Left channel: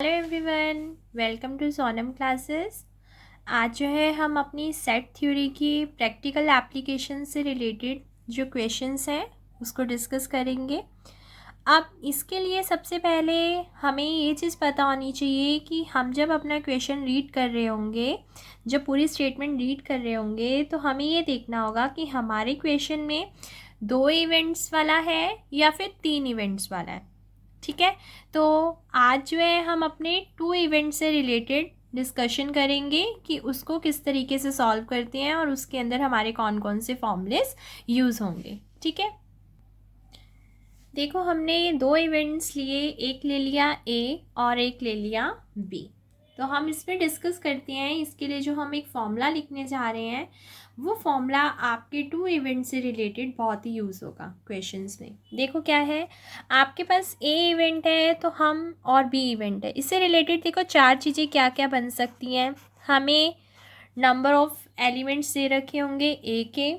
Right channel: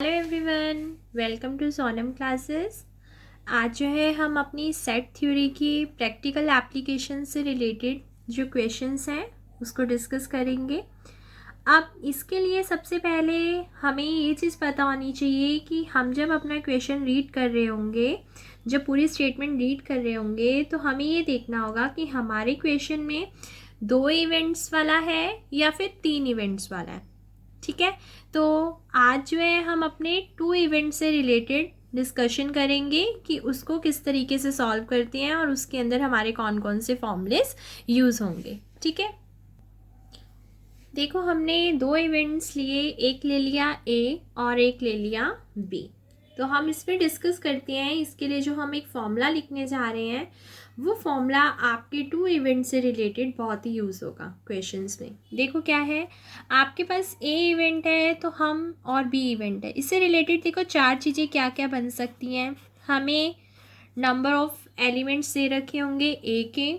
Hello everyone, welcome to Sonam classes. आज जो है हम अपनी सेट थ्योरी की प्रैक्टिकल एप्लीकेशन से रिलेटेड जो क्वेश्चंस हैं उसको डिस्कस करेंगे। अब इसके लिए सबसे पहले हमें ये चीज़ पता होनी चाहिए कि हम जब अपना क्वेश्चन रीड कर रहे होंगे, जब पूरी स्टेटमेंट रीड कर रहे होंगे, तो हमें ये देखना होगा कि हमारे क्वेश्चन में 2 इवेंट्स वाला है या फिर 3 इवेंट्स वाला है। ठीक है, तो आज जो है हम अपने 2 इवेंट से रिलेटेड डिस्कशन करेंगे कि उसको किस तरीके से सॉल्व करते हैं और उसके अंदर हमारे कौन कौन से फॉर्मूलेस यूज़ होंगे। ठीक है, देखो हमने 2 इवेंट्स लिए, एक ले लिया ए और एक ले लिया बी। तो हम इस पर डिस्कस करते हैं। इसके लिए जो हम एक फॉर्मूला लिखने जा रहे हैं वो फॉर्मूला आपके 2 इवेंट से रिलेटेड बहुत ही यूज़ होगा क्वेश्चंस में। देखो क्या है, आपके पास ए इवेंट है तो हम और बी इवेंट है, इससे रिलेटेड देखो 4 चीज़ें क्या क्या बन सकती हैं। हमें नंबर ऑफ़ एलिमेंट्स दे रखे होंगे ए के,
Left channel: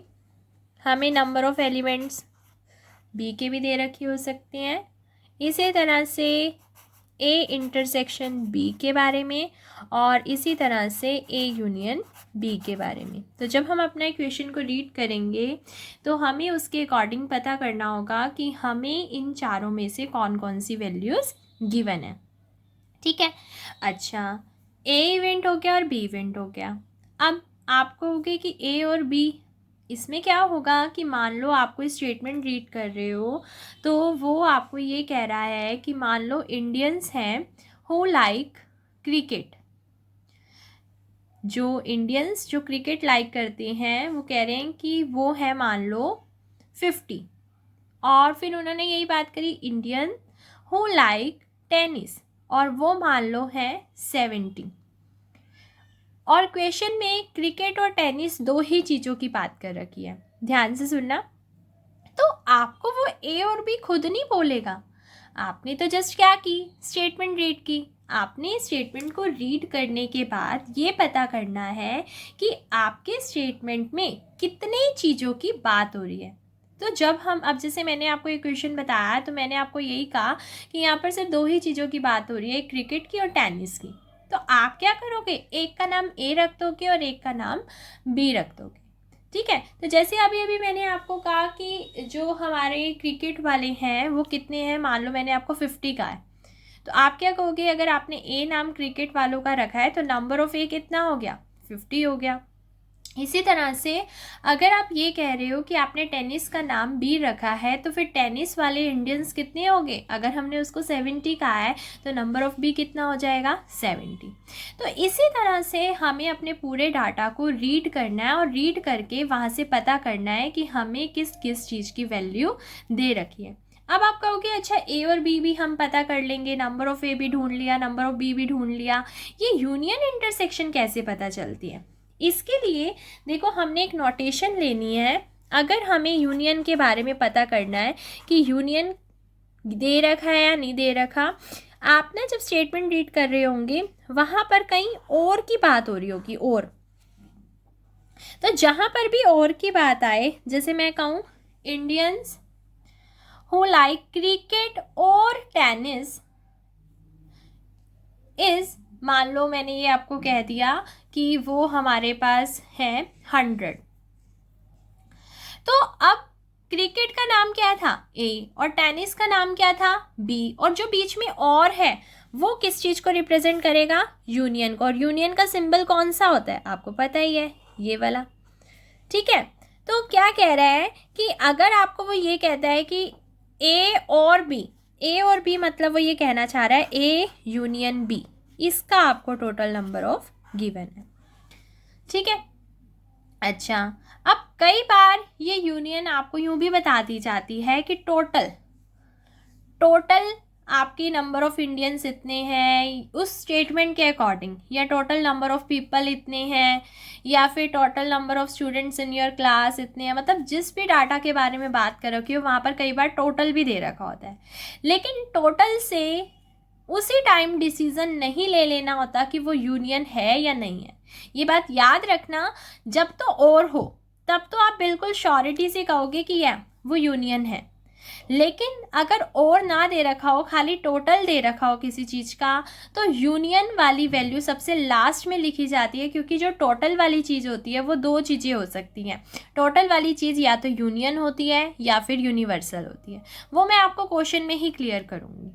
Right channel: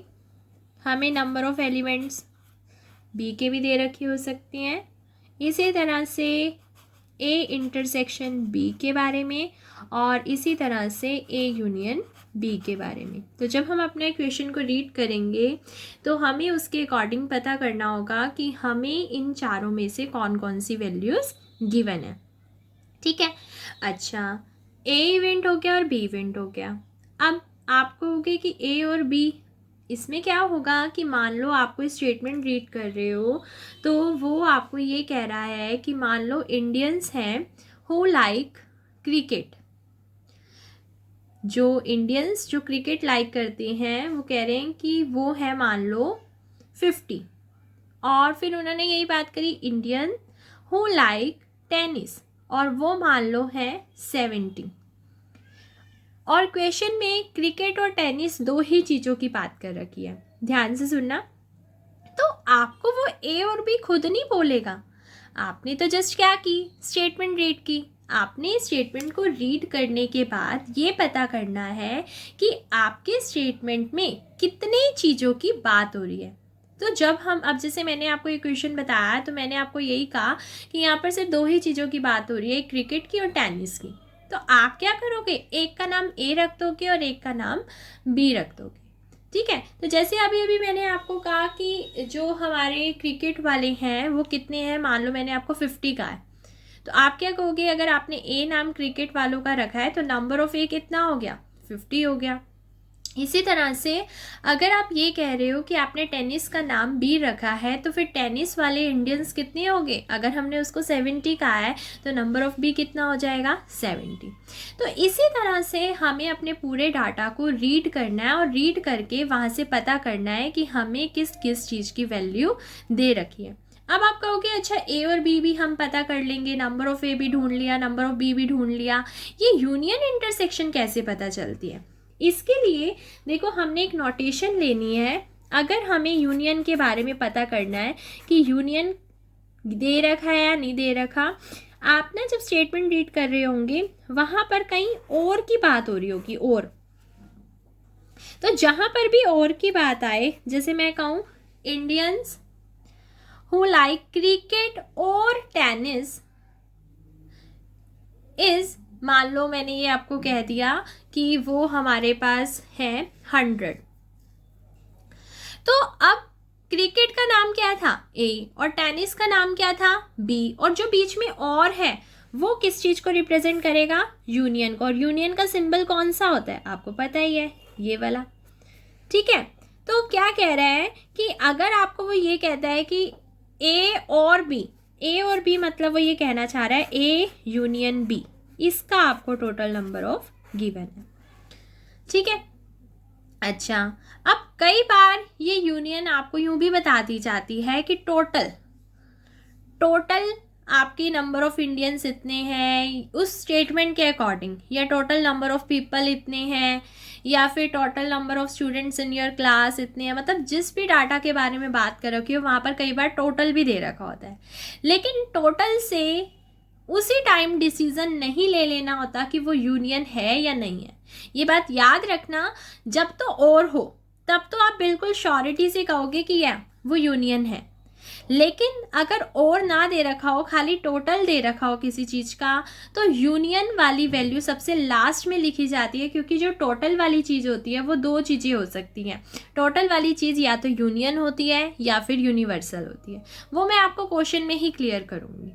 हमें नंबर ऑफ़ एलिमेंट्स बी के भी दे रखे हो सकते हैं। इसी तरह से ए इंटरसेक्शन बी के बारे में और इसी तरह से ए यूनियन बी के बारे में। तो जब हम अपना क्वेश्चन को रीड करेंगे तो हमें उसके अकॉर्डिंग पता करना होगा कि हमें इन चारों में से कौन कौन सी वैल्यूज़ गिवन है। ठीक है, अच्छा, ए इवेंट हो गया और बी इवेंट हो गया। अब आप कहोगे कि ए और बी, इसमें क्या होगा कि मान लो आपको स्टेटमेंट रीड कर रहे हो तो वो आपको ये कह रहा है कि मान लो इंडियंस हैं हु लाइक क्रिकेट। जो इंडियंस जो क्रिकेट लाइक करते हैं वो कह रहे हैं कि वो है मान लो 50। और फिर उन्होंने यही बात करी इंडियन हु लाइक टेनिस और वो मान लो है 70। और क्वेश्चन में क्रिकेट और टेनिस 2 ही चीज़ों की बात कर रखी है, ध्यान से सुनना। तो आपको वो ए और बी खुद नहीं बोलेगा, आपने तो जस्ट क्या की, स्टेटमेंट रीड की। आपने स्टेटमेंट को रीड करने के बाद ये पता करना है कि आपके स्टेटमेंट में कितने चीज़ों की बात हो रही है। तो जब हम, अब जैसे मैंने आपको ये क्वेश्चन बताया तो मैंने आपको यही कहा कि यहाँ पर सिर्फ 2 ही चीज़ों की बात हो रही है, क्रिकेट की और टेनिस की। तो आप क्या करोगे, एक का नाम ए रख दोगे और एक का नाम बी रख दोगे। ठीक है, तो जैसे अभी अभी मैंने आपको कहा कि जो हमारे क्रिकेट वाले हैं वो कितने हैं, मान लो मैंने आपको 50 का है, तो आप क्या कहोगे, अगर आपने ए नाम क्रिकेट वालों का रखा है तो नंबर ऑफ ए कितना हो गया, 50 हो गया। इसी तरह से अगर आप ये कह रहे हो कि आपने टेनिस का नाम बी रखा है तो फिर टेनिस वाले इंडियंस कितने होंगे, अगर हमने उसको 70 कहा है तो नंबर ऑफ बी कितना हो जाएगा, 70। तो इसी तरह से हमें अपने पूरे डाटा को रीड करना है और रीड करके वहाँ से पता करना है कि हमें किस किस चीज़ की वैल्यू दे रखी है। अब आप कहोगे अच्छा ए और बी भी हम पता कर लेंगे, नंबर ऑफ ए भी ढूंढ लिया, नंबर ऑफ बी भी ढूंढ लिया, ये यूनियन इंटरसेक्शन कैसे पता चलती है। इसके लिए देखो हमने एक नोटेशन लेनी है। अगर हमें यूनियन के बारे में पता करना है कि यूनियन दे रखा है या नहीं दे रखा, आप ना जब स्टेटमेंट रीड कर रहे होंगे वहाँ पर कहीं और की बात हो रही होगी, और तो जहाँ पर भी और की बात आए, जैसे मैं कहूँ इंडियंस हु लाइक क्रिकेट और टेनिस इज, मान लो मैंने ये आपको कह दिया कि वो हमारे पास है 100। तो अब क्रिकेट का नाम क्या था, ए, और टेनिस का नाम क्या था, बी, और जो बीच में और है वो किस चीज़ को रिप्रेजेंट करेगा, यूनियन को। और यूनियन का सिंबल कौन सा होता है, आपको पता ही है, ये वाला। ठीक है, तो क्या कह रहा है कि अगर आपको वो ये कहता है कि ए और बी, ए और बी मतलब वो ये कहना चाह रहा है ए यूनियन बी, इसका आपको टोटल नंबर ऑफ गिवन है। ठीक है, अच्छा, अब कई बार ये यूनियन आपको यूं भी बता दी जाती है कि टोटल आपके नंबर ऑफ इंडियंस इतने हैं उस स्टेटमेंट के अकॉर्डिंग, या टोटल नंबर ऑफ पीपल इतने हैं, या फिर total number of students in your class इतने हैं। मतलब जिस भी डाटा के बारे में बात कर रखी हो वहाँ पर कई बार टोटल भी दे रखा होता है, लेकिन टोटल से उसी टाइम डिसीजन नहीं ले लेना होता कि वो यूनियन है या नहीं है। ये बात याद रखना, जब तो और हो तब तो आप बिल्कुल श्योरिटी से कहोगे कि या वो यूनियन है, लेकिन अगर और ना दे रखा हो, खाली टोटल दे रखा हो किसी चीज़ का, तो यूनियन वाली वैल्यू सबसे लास्ट में लिखी जाती है, क्योंकि जो टोटल वाली चीज़ होती है वो दो चीज़ें हो सकती हैं। टोटल वाली चीज़ या तो यूनियन होती है या फिर यूनिवर्सल होती है। वो मैं आपको क्वेश्चन में ही क्लियर करूँगी,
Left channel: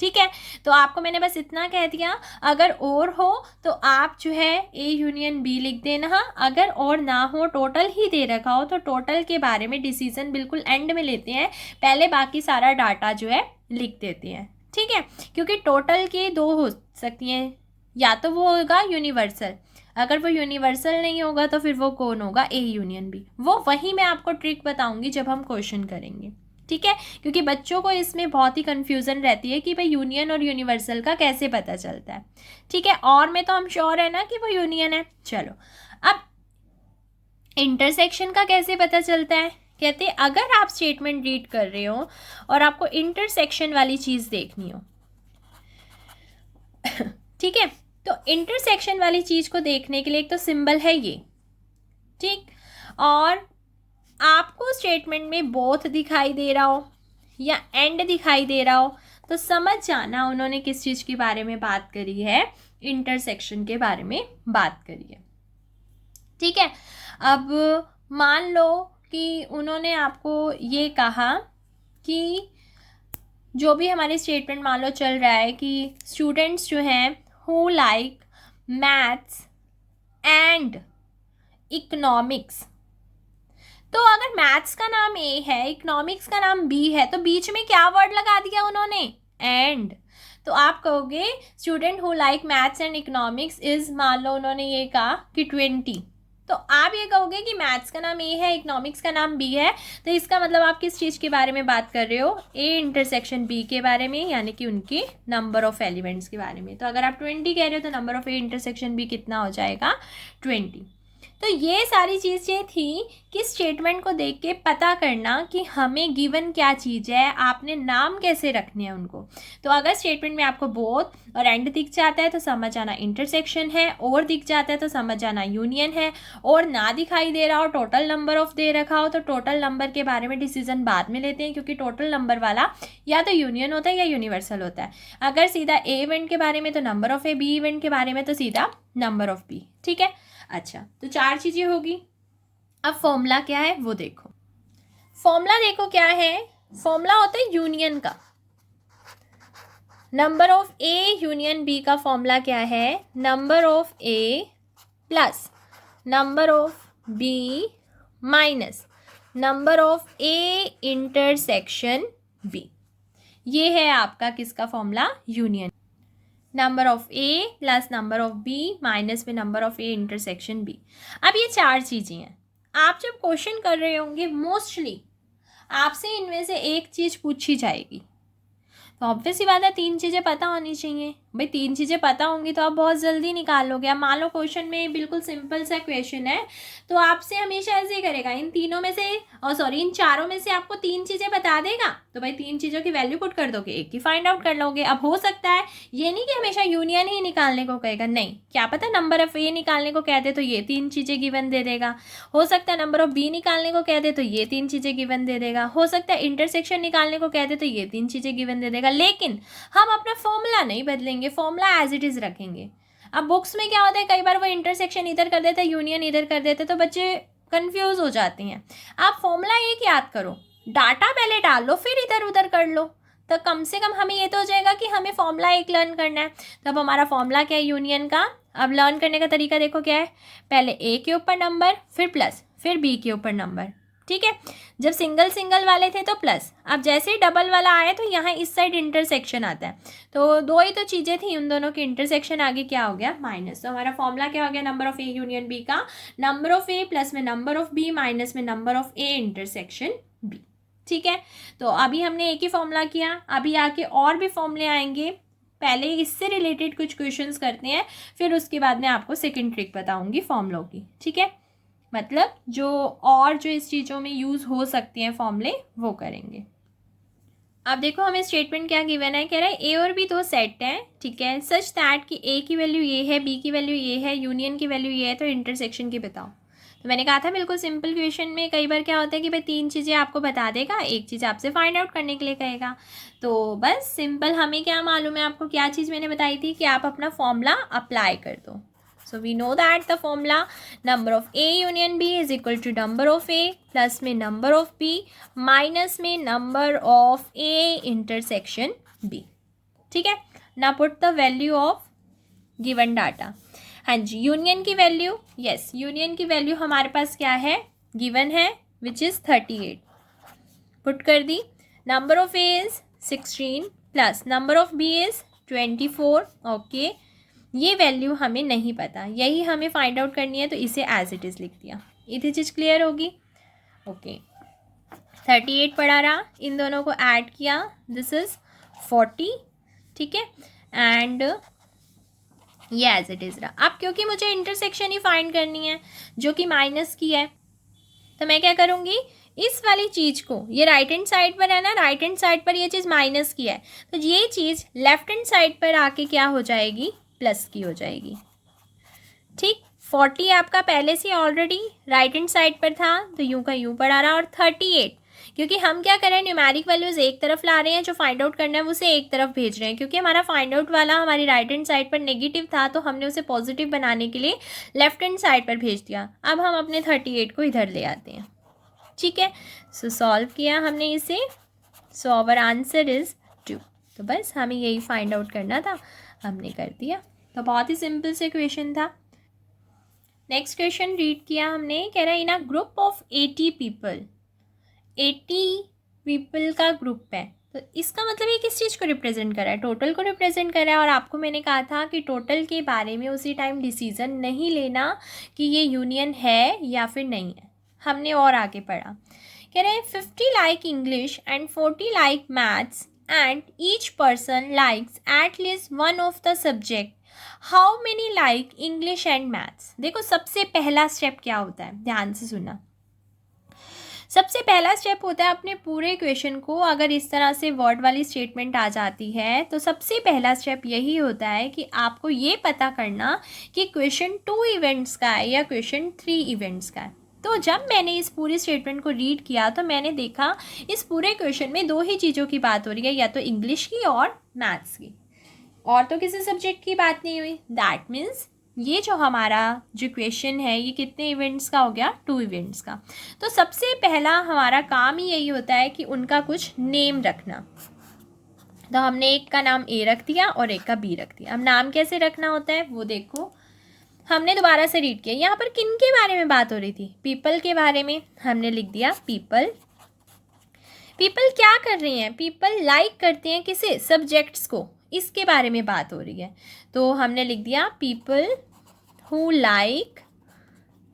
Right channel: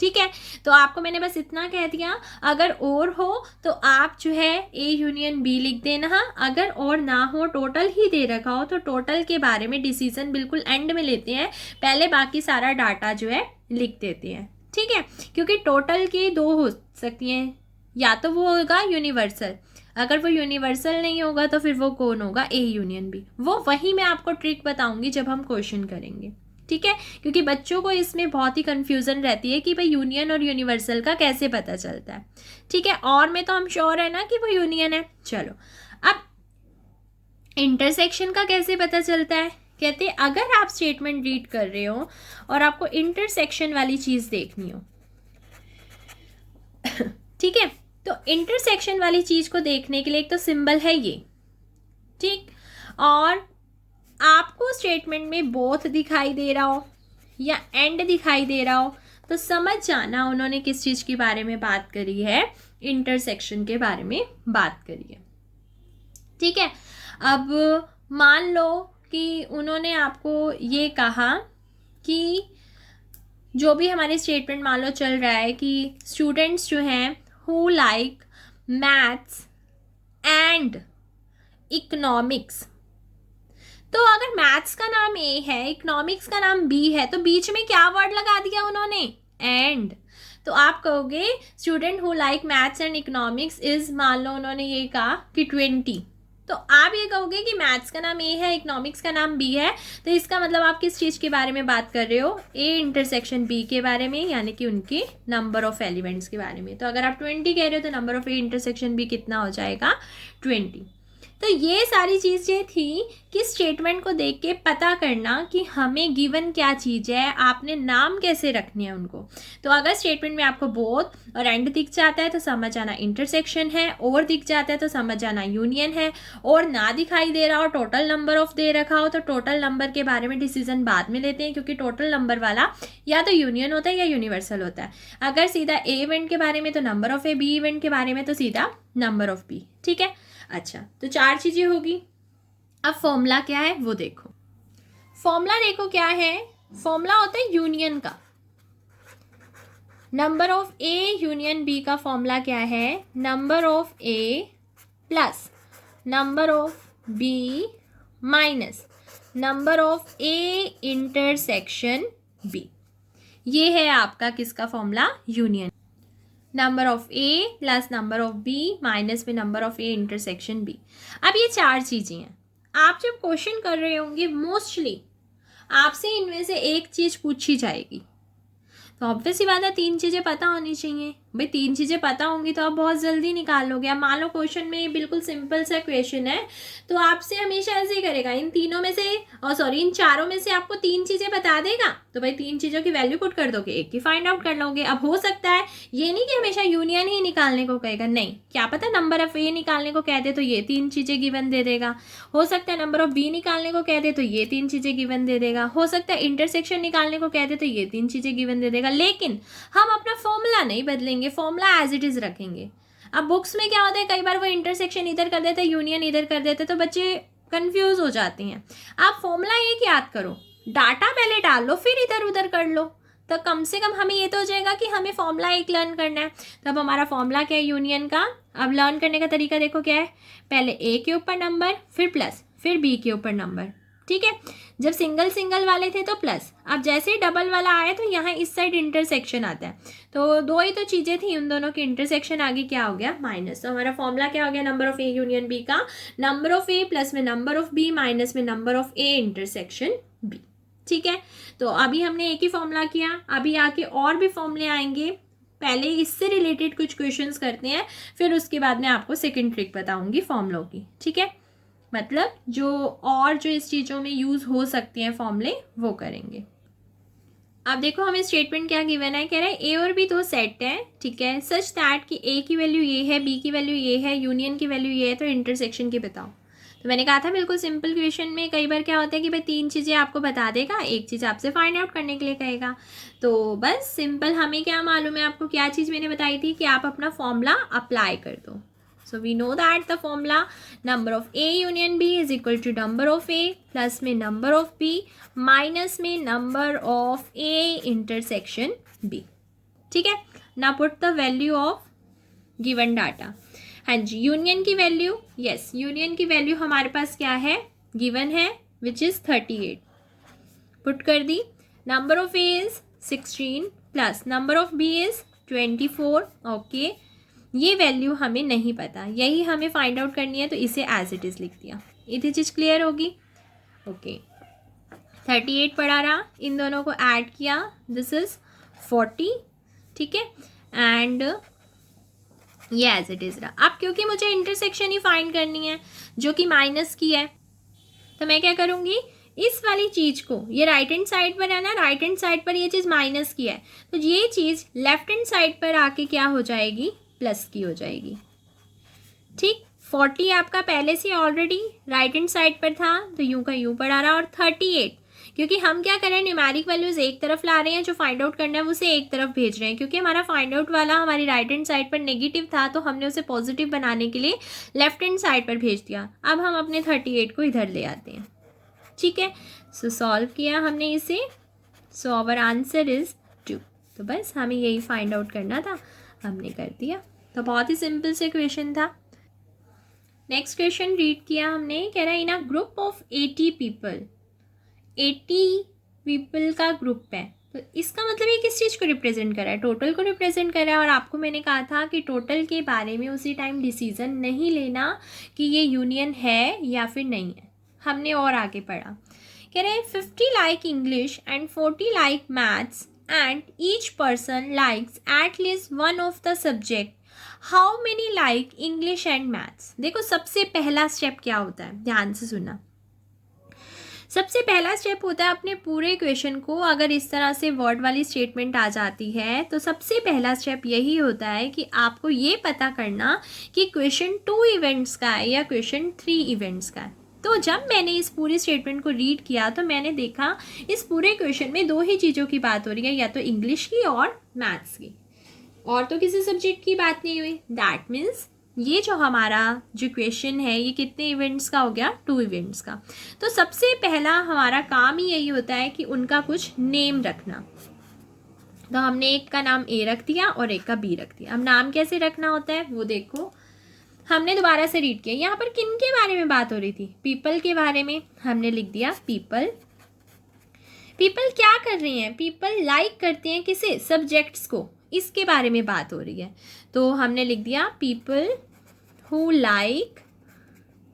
ठीक है। तो आपको मैंने बस इतना कह दिया, अगर और हो तो आप जो है ए यूनियन बी लिख देना। अगर और ना हो, टोटल ही दे रखा हो, तो टोटल के बारे में डिसीजन बिल्कुल एंड में लेते हैं, पहले बाकी सारा डाटा जो है लिख देते हैं, ठीक है। क्योंकि टोटल की दो हो सकती हैं, या तो वो होगा यूनिवर्सल, अगर वो यूनिवर्सल नहीं होगा तो फिर वो कौन होगा, ए यूनियन बी। वो वही मैं आपको ट्रिक बताऊंगी जब हम क्वेश्चन करेंगे, ठीक है। क्योंकि बच्चों को इसमें बहुत ही कंफ्यूजन रहती है कि भाई यूनियन और यूनिवर्सल का कैसे पता चलता है, ठीक है। और में तो हम श्योर है ना कि वो यूनियन है। चलो, अब इंटरसेक्शन का कैसे पता चलता है। कहते हैं अगर आप स्टेटमेंट रीड कर रहे हो और आपको इंटरसेक्शन वाली चीज़ देखनी हो, ठीक है, तो इंटरसेक्शन वाली चीज़ को देखने के लिए एक तो सिंबल है ये, ठीक, और आपको स्टेटमेंट में बोथ दिखाई दे रहा हो या एंड दिखाई दे रहा हो, तो समझ जाना उन्होंने किस चीज़ के बारे में बात करी है, इंटरसेक्शन के बारे में बात करी है, ठीक है। अब मान लो कि उन्होंने आपको ये कहा कि जो भी हमारे स्टेटमेंट मान लो चल रहा है कि स्टूडेंट्स जो हैं who like maths and economics, तो अगर मैथ्स का नाम ए है, इकोनॉमिक्स का नाम बी है, तो बीच में क्या वर्ड लगा दिया उन्होंने, एंड। तो आप कहोगे student who like maths and economics is, मान लो उन्होंने ये कहा कि 20, तो आप ये कहोगे कि मैथ्स का नाम ए है, इकोनॉमिक्स का नाम बी है, तो इसका मतलब आप किस चीज़ के बारे में बात कर रहे हो, ए इंटरसेक्शन बी के बारे में, यानी कि उनके नंबर ऑफ एलिमेंट्स के बारे में। तो अगर आप 20 कह रहे हो तो number of A intersection B कितना हो जाएगा, 20। तो ये सारी चीज़ें थी कि स्टेटमेंट को देख के पता करना कि हमें गिवन क्या चीज़ है, आपने नाम कैसे रखने हैं उनको। तो अगर स्टेटमेंट में आपको बोथ और एंड दिख जाता है तो समझ आना इंटरसेक्शन है, और दिख जाता है तो समझ आना यूनियन है, और ना दिखाई दे रहा हो, टोटल नंबर ऑफ दे रखा हो, तो टोटल नंबर के बारे में डिसीजन बाद में लेते हैं, क्योंकि टोटल नंबर वाला या तो यूनियन होता है या यूनिवर्सल होता है। अगर सीधा ए इवेंट के बारे में तो number of A, B event के बारे में तो सीधा नंबर ऑफ बी, ठीक है। अच्छा, तो 4 चीजें होगी। अब फॉर्मूला क्या है वो देखो। फॉर्मूला देखो क्या है, फॉर्मूला होता है यूनियन का। Number of A union B का फॉर्मूला क्या है, number of A plus number of B minus number of A intersection B. ये है आपका किसका formula, union. Number of A plus number of B minus में number of A intersection B. अब ये 4 चीज़ें हैं। आप जब क्वेश्चन कर रहे होंगे मोस्टली आपसे इनमें से एक चीज़ पूछी जाएगी, तो ऑब्वियस ही बात है 3 चीज़ें पता होनी चाहिए। भाई 3 चीज़ें पता होंगी तो आप बहुत जल्दी निकाल लोगे। अब मान लो क्वेश्चन में बिल्कुल सिंपल सा क्वेश्चन है, तो आपसे हमेशा ऐसे ही करेगा, इन तीनों में से इन चारों में से आपको 3 चीज़ें बता देगा, तो भाई 3 चीज़ों की वैल्यू पुट कर दोगे, एक की फाइंड आउट कर लोगे। अब हो सकता है ये नहीं कि हमेशा यूनियन ही निकालने को कहेगा, नहीं, क्या पता नंबर ऑफ ए निकालने को कह दे तो ये 3 चीज़ें गिवन दे देगा। हो सकता है नंबर ऑफ बी निकालने को कह दे तो ये 3 चीज़ें गिवन दे देगा। हो सकता है इंटरसेक्शन निकालने को कह दे तो ये 3 चीज़ें गिवन दे देगा। लेकिन हम अपना फॉर्मूला नहीं बदलेंगे, फॉर्मूला एज इट इज रखेंगे। अब बुक्स में क्या होता है, कई बार वो इंटरसेक्शन इधर कर देते हैं, यूनियन इधर कर देते हैं, तो बच्चे कंफ्यूज हो जाते हैं। आप फॉर्मूला एक याद करो, डाटा पहले डाल लो, फिर इधर उधर कर लो, तो कम से कम हमें ये तो हो जाएगा कि हमें फॉर्मूला एक लर्न करना है। तो अब हमारा फॉर्मूला क्या है यूनियन का। अब लर्न करने का तरीका देखो क्या है, पहले ए के ऊपर नंबर, फिर प्लस, फिर बी के ऊपर नंबर, ठीक है। जब सिंगल सिंगल वाले थे तो प्लस, अब जैसे ही डबल वाला आया तो यहाँ इस साइड इंटरसेक्शन आता है, तो 2 ही तो चीज़ें थी, उन दोनों की इंटरसेक्शन आगे क्या हो गया, माइनस। तो हमारा फॉर्मूला क्या हो गया, number of A union B का नंबर ऑफ ए प्लस में नंबर ऑफ बी माइनस में number of A intersection B, ठीक है। तो अभी हमने एक ही फॉर्मूला किया, अभी आके और भी फॉर्मूले आएंगे, पहले इससे रिलेटेड कुछ क्वेश्चंस करते हैं, फिर उसके बाद में आपको सेकंड ट्रिक बताऊंगी फॉर्मूलों की, ठीक है। मतलब जो इस चीज़ों में यूज़ हो सकते हैं फॉर्मूले वो करेंगे। अब देखो हमें स्टेटमेंट क्या गिवन है, कह रहा है ए और बी 2 सेट हैं, ठीक है, सच दैट कि ए की वैल्यू ये है, बी की वैल्यू ये है, यूनियन की वैल्यू ये है, तो इंटरसेक्शन की बताओ। तो मैंने कहा था बिल्कुल सिंपल क्वेश्चन में कई बार क्या होता है कि भाई 3 चीज़ें आपको बता देगा, एक चीज़ आपसे फाइंड आउट करने के लिए कहेगा। तो बस सिंपल हमें क्या मालूम है, आपको क्या चीज़ मैंने बताई थी कि आप अपना फॉर्मूला अप्लाई कर दो। So we know that the formula number of A union B is equal to number of A plus में नंबर ऑफ बी माइनस में number of A intersection B. ठीक है, ना put the value of given data. हाँ जी, union की value, yes union की value हमारे पास क्या है, गिवन है, विच इज़ 38, पुट कर दी। Number of A is 16 plus number of B is 24। Okay, ये वैल्यू हमें नहीं पता, यही हमें फाइंड आउट करनी है, तो इसे एज इट इज़ लिख दिया। इतनी चीज़ क्लियर होगी। ओके, 38 पड़ा रहा, इन दोनों को ऐड किया, दिस इज 40। ठीक है, एंड ये एज इट इज़ रहा। अब क्योंकि मुझे इंटरसेक्शन ही फाइंड करनी है जो कि माइनस की है, तो मैं क्या करूँगी, इस वाली चीज़ को, ये राइट हैंड साइड पर है ना, राइट हैंड साइड पर ये चीज़ माइनस की है, तो ये चीज़ लेफ्ट हैंड साइड पर आके क्या हो जाएगी, प्लस की हो जाएगी। ठीक, 40 आपका पहले से ऑलरेडी राइट हैंड साइड पर था, तो यूं का यूं पड़ा रहा, और 38 क्योंकि हम क्या करें, न्यूमेरिक वैल्यूज़ एक तरफ ला रहे हैं, जो फाइंड आउट करना है उसे एक तरफ भेज रहे हैं, क्योंकि हमारा फाइंड आउट वाला हमारी राइट हैंड साइड पर नेगेटिव था, तो हमने उसे पॉजिटिव बनाने के लिए लेफ्ट हैंड साइड पर भेज दिया। अब हम अपने 38 को इधर ले आते हैं। ठीक है, सो सॉल्व किया हमने इसे, सो आवर आंसर इज 2। तो बस हमें यही फाइंड आउट करना था, हमने कर दिया। तो बहुत ही सिंपल से क्वेश्चन था। नेक्स्ट क्वेश्चन रीड किया हमने, कह रहा है in a group of 80 people, 80 people का ग्रुप है, तो इसका मतलब ये किस चीज़ को रिप्रेजेंट कर रहा है, टोटल को रिप्रेजेंट कर रहा है। और आपको मैंने कहा था कि टोटल के बारे में उसी टाइम डिसीजन नहीं लेना कि ये यूनियन है या फिर नहीं है। हमने और आगे पढ़ा, कह रहे हैं 50 like English and 40 like maths and each person likes at least one of the subject, how many like English and maths. देखो सबसे पहला स्टेप क्या होता है, ध्यान से सुनना। सबसे पहला स्टेप होता है अपने पूरे क्वेश्चन को, अगर इस तरह से वर्ड वाली स्टेटमेंट आ जाती है, तो सबसे पहला स्टेप यही होता है कि आपको ये पता करना कि क्वेश्चन 2 इवेंट्स का है या क्वेश्चन 3 इवेंट्स का है। तो जब मैंने इस पूरी स्टेटमेंट को रीड किया, तो मैंने देखा इस पूरे क्वेश्चन में 2 ही चीज़ों की बात हो रही है, या तो इंग्लिश की और मैथ्स की, और तो किसी सब्जेक्ट की बात नहीं हुई। दैट मीन्स ये जो हमारा जो क्वेश्चन है, ये कितने इवेंट्स का हो गया, 2 इवेंट्स का। तो सबसे पहला हमारा काम ही यही होता है कि उनका कुछ नेम रखना। तो हमने एक का नाम ए रख दिया और एक का बी रख दिया। अब नाम कैसे रखना होता है वो देखो, हमने दोबारा से रीड किया। यहाँ पर किन के बारे में बात हो रही थी, पीपल के बारे में। हमने लिख दिया पीपल। पीपल क्या कर रहे हैं, पीपल लाइक करते हैं किसे, सब्जेक्ट्स को, इसके बारे में बात हो रही है। तो हमने लिख दिया पीपल हु लाइक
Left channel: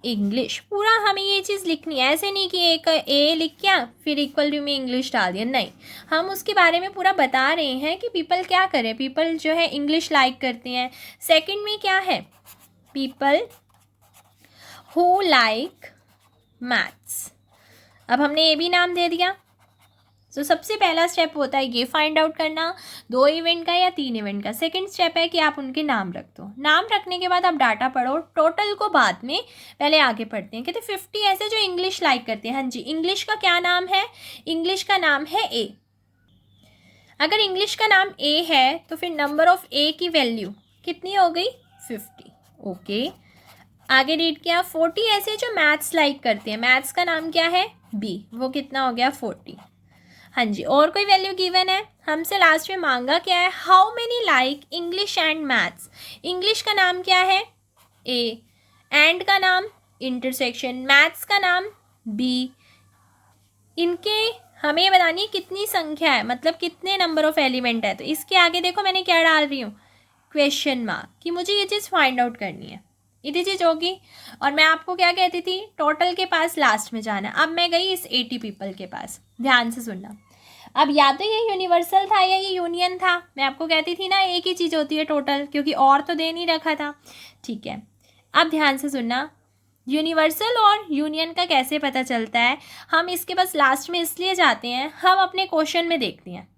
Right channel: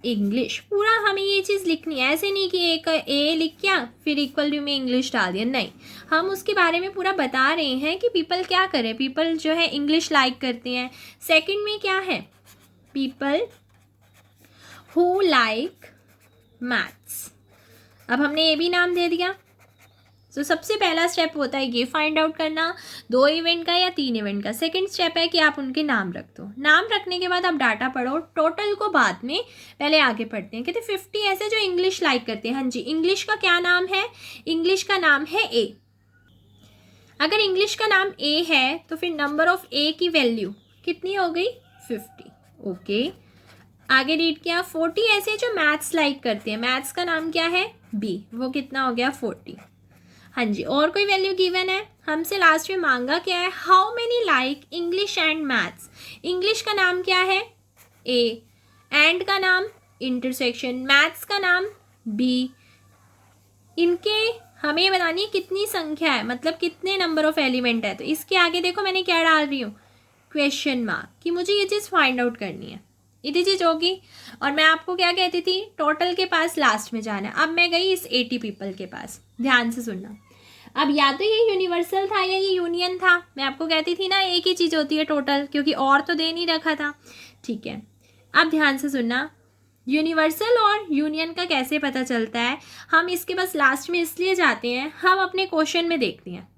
इंग्लिश। पूरा हमें ये चीज़ लिखनी है, ऐसे नहीं कि एक ए लिख किया फिर इक्वल टू में इंग्लिश डाल दिया, नहीं, हम उसके बारे में पूरा बता रहे हैं कि पीपल क्या करें। पीपल जो है इंग्लिश लाइक करते हैं। सेकंड में क्या है, पीपल हु लाइक मैथ्स। अब हमने ये भी नाम दे दिया। तो सबसे पहला स्टेप होता है ये फाइंड आउट करना, 2 इवेंट का या 3 इवेंट का। सेकंड स्टेप है कि आप उनके नाम रख दो। नाम रखने के बाद आप डाटा पढ़ो, टोटल को बाद में, पहले आगे पढ़ते हैं। कहते 50 ऐसे जो इंग्लिश लाइक करते हैं। हाँ जी, इंग्लिश का क्या नाम है, इंग्लिश का नाम है ए। अगर इंग्लिश का नाम ए है तो फिर नंबर ऑफ ए की वैल्यू कितनी हो गई, 50। ओके, आगे रीड किया। 40 ऐसे जो मैथ्स लाइक करते हैं। मैथ्स का नाम क्या है, बी, वो कितना हो गया, 40। हाँ जी, और कोई वैल्यू गिवन है, हमसे लास्ट में मांगा क्या है, how many like English and maths. English का नाम क्या है, ए, एंड का नाम इंटरसेक्शन, मैथ्स का नाम बी। इनके हमें बतानी है कितनी संख्या है, मतलब कितने नंबर ऑफ एलिमेंट है। तो इसके आगे देखो मैंने क्या डाल रही हूँ, क्वेश्चन मार्क, कि मुझे ये चीज़ फाइंड आउट करनी है। इतनी चीज़ होगी। और मैं आपको क्या कहती थी, टोटल के पास लास्ट में जाना है। अब मैं गई इस 80 पीपल के पास, ध्यान से सुनना। अब या तो ये यूनिवर्सल था या ये यूनियन था। मैं आपको कहती थी ना एक ही चीज़ होती है टोटल, क्योंकि और तो दे नहीं रखा था। ठीक है, अब ध्यान से सुनना, यूनिवर्सल और यूनियन का कैसे पता चलता है। हम इसके बस लास्ट में इसलिए जाते हैं, हम अपने क्वेश्चन में देखते हैं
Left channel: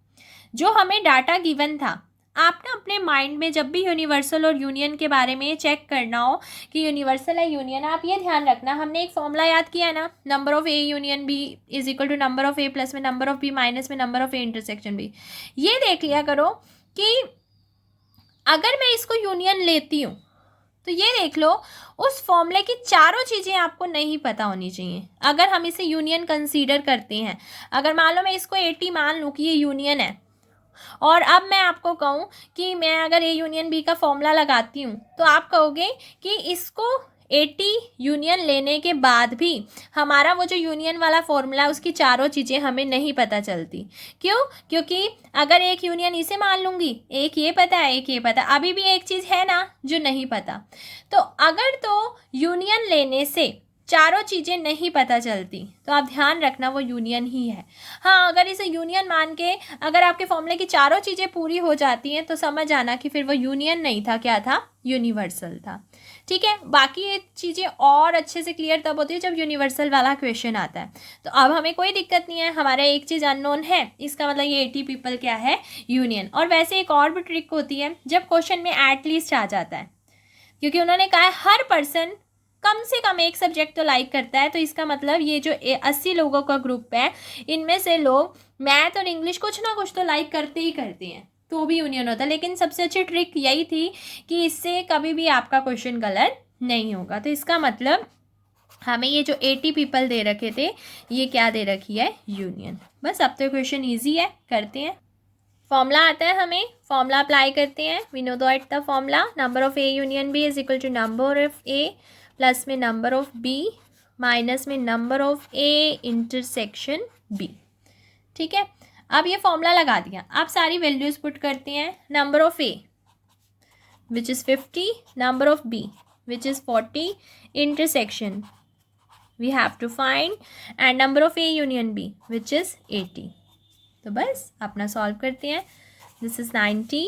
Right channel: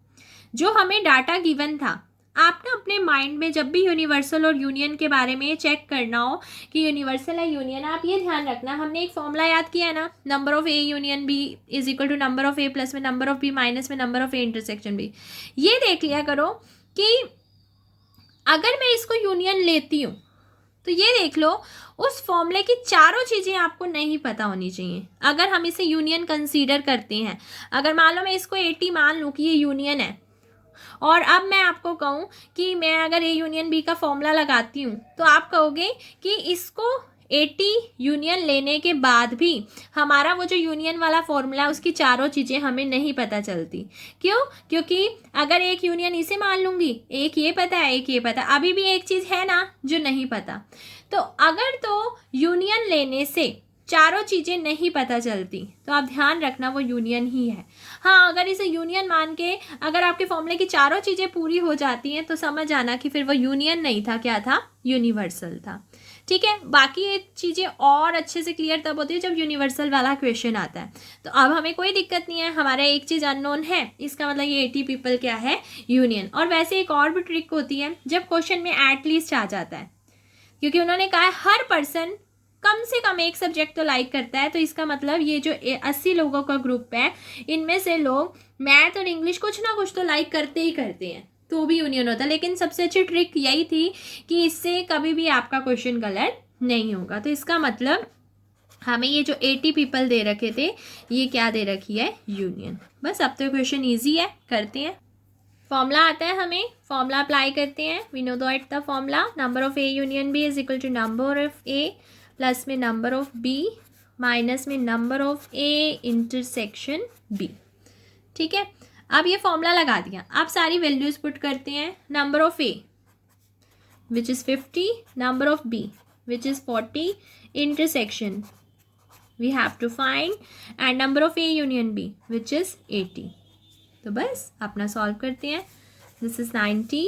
जो हमें डाटा गिवन था आप ना अपने माइंड में जब भी यूनिवर्सल और यूनियन के बारे में चेक करना हो कि यूनिवर्सल है यूनियन, आप ये ध्यान रखना, हमने एक फॉर्मूला याद किया है ना, number of A union B is equal to number of A plus में नंबर ऑफ बी माइनस में number of A intersection B. ये देख लिया करो कि अगर मैं इसको यूनियन लेती हूँ तो ये देख लो उस फॉर्मूले की चारों चीज़ें आपको नहीं पता होनी चाहिए अगर हम इसे यूनियन कंसीडर करते हैं। अगर मान लो मैं इसको 80 मान लूँ कि ये यूनियन है, और अब मैं आपको कहूँ कि मैं अगर ए यूनियन बी का फॉर्मूला लगाती हूँ तो आप कहोगे कि इसको 80 यूनियन लेने के बाद भी हमारा वो जो यूनियन वाला फॉर्मूला उसकी चारों चीज़ें हमें नहीं पता चलती। क्यों? क्योंकि अगर एक यूनियन इसे मान लूँगी, एक ये पता है एक ये पता है, अभी भी एक चीज़ है ना जो नहीं पता। तो अगर तो यूनियन लेने से चारों चीज़ें नहीं पता चलती तो आप ध्यान रखना वो यूनियन ही है। हाँ, अगर इसे यूनियन मान के अगर आपके फॉर्मूले की चारों चीज़ें पूरी हो जाती हैं तो समझ आना कि फिर वो यूनियन नहीं था, क्या था? यूनिवर्सल था। ठीक है, बाकी ये चीज़ें और अच्छे से क्लियर तब होती है जब यूनिवर्सल वाला क्वेश्चन आता है। तो अब हमें कोई दिक्कत नहीं है, हमारा एक चीज़ अननोन है, इसका मतलब ये 80 पीपल क्या है? यूनियन। और वैसे एक और भी ट्रिक होती है जब क्वेश्चन में एटलीस्ट आ जाता है, क्योंकि उन्होंने कहा है हर पर्सन कम से कम एक सब्जेक्ट तो लाइक करता है, तो इसका मतलब ये जो 80 लोगों का ग्रुप है इनमें से लोग मैथ और इंग्लिश कुछ ना कुछ तो लाइक करते ही करते हैं, तो भी यूनियन होता है। लेकिन सबसे अच्छी ट्रिक यही थी कि इससे कभी भी आपका क्वेश्चन गलत नहीं होगा। तो इसका मतलब हमें ये जो 80 पीपल दे रखे थे ये क्या दे रखी है? यूनियन। बस अब तो क्वेश्चन ईजी है, करते हैं। फॉर्मूला आता है, हमें फॉर्मूला अप्लाई करते हैं। We know that the formula number of A union B is equal to number of A plus में नंबर ऑफ बी माइनस में number of A intersection B. ठीक है, अब ये फॉर्मूला लगा दिया, आप सारी वैल्यूज पुट करते हैं। Number of A which is 50, number of B which is 40, intersection we have to find, and number of A union B which is 80। तो बस अपना सॉल्व करते हैं। This is 90,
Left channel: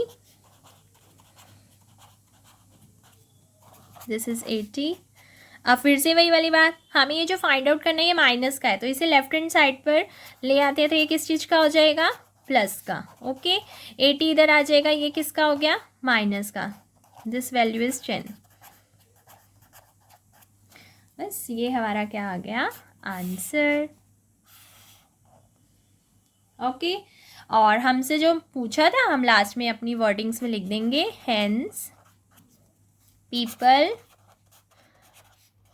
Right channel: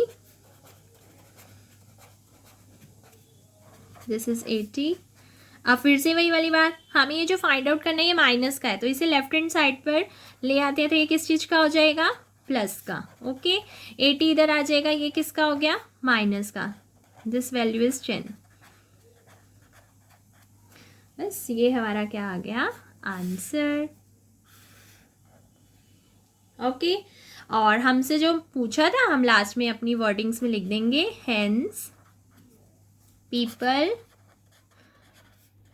this is 80। अब फिर से वही वाली बात, हमें ये जो फाइंड आउट करना है ये माइनस का है, तो इसे लेफ्ट हैंड साइड पर ले आते हैं तो ये किस चीज़ का हो जाएगा? प्लस का। ओके, 80 इधर आ जाएगा, ये किसका हो गया? माइनस का। This value is 10। बस ये हमारा क्या आ गया? आंसर। ओके, और हमसे जो पूछा था हम लास्ट में अपनी वर्डिंग्स में लिख देंगे, hence people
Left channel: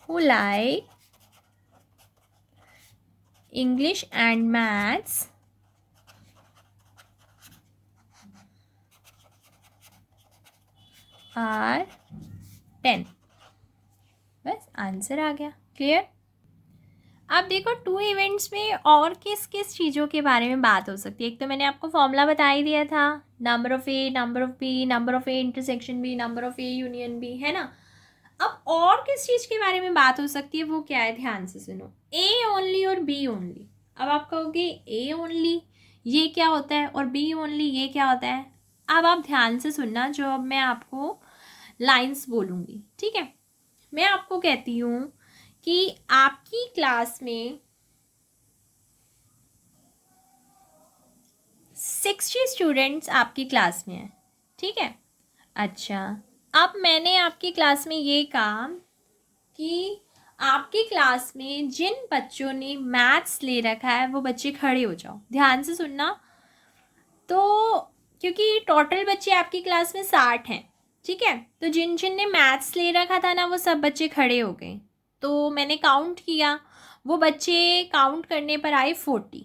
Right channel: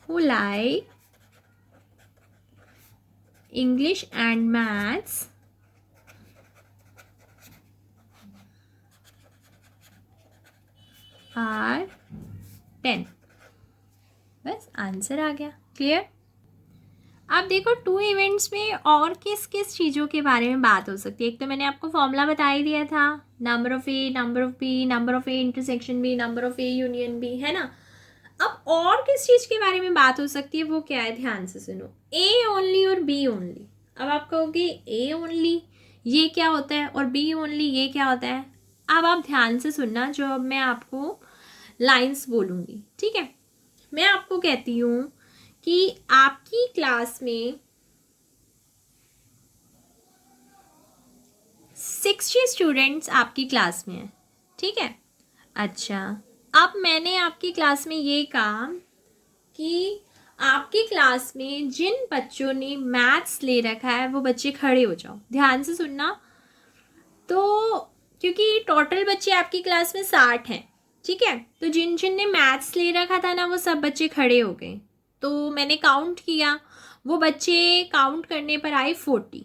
who like English and maths are 10। बस आंसर आ गया। क्लियर? अब देखो 2 इवेंट्स में और किस किस चीज़ों के बारे में बात हो सकती है। एक तो मैंने आपको फॉर्मूला बता ही दिया था, number of A, number of B, number of A intersection B, number of A union B, है ना। अब और किस चीज़ के बारे में बात हो सकती है वो क्या है? ध्यान से सुनो, ए ओनली और बी ओनली। अब आप कहोगे ए ओनली ये क्या होता है और बी ओनली ये क्या होता है? अब आप ध्यान से सुनना जो अब मैं आपको लाइंस बोलूँगी, ठीक है। मैं आपको कहती हूँ कि आपकी क्लास में 60 स्टूडेंट्स आपकी क्लास में हैं, ठीक है। अच्छा, अब मैंने आपकी क्लास में ये कहा कि आपकी क्लास में जिन बच्चों ने मैथ्स ले रखा है वो बच्चे खड़े हो जाओ। ध्यान से सुनना। तो क्योंकि टोटल बच्चे आपकी क्लास में 60 हैं, ठीक है, तो जिन जिन ने मैथ्स ले रखा था ना वो सब बच्चे खड़े हो गए। तो मैंने काउंट किया, वो बच्चे काउंट करने पर आए 40,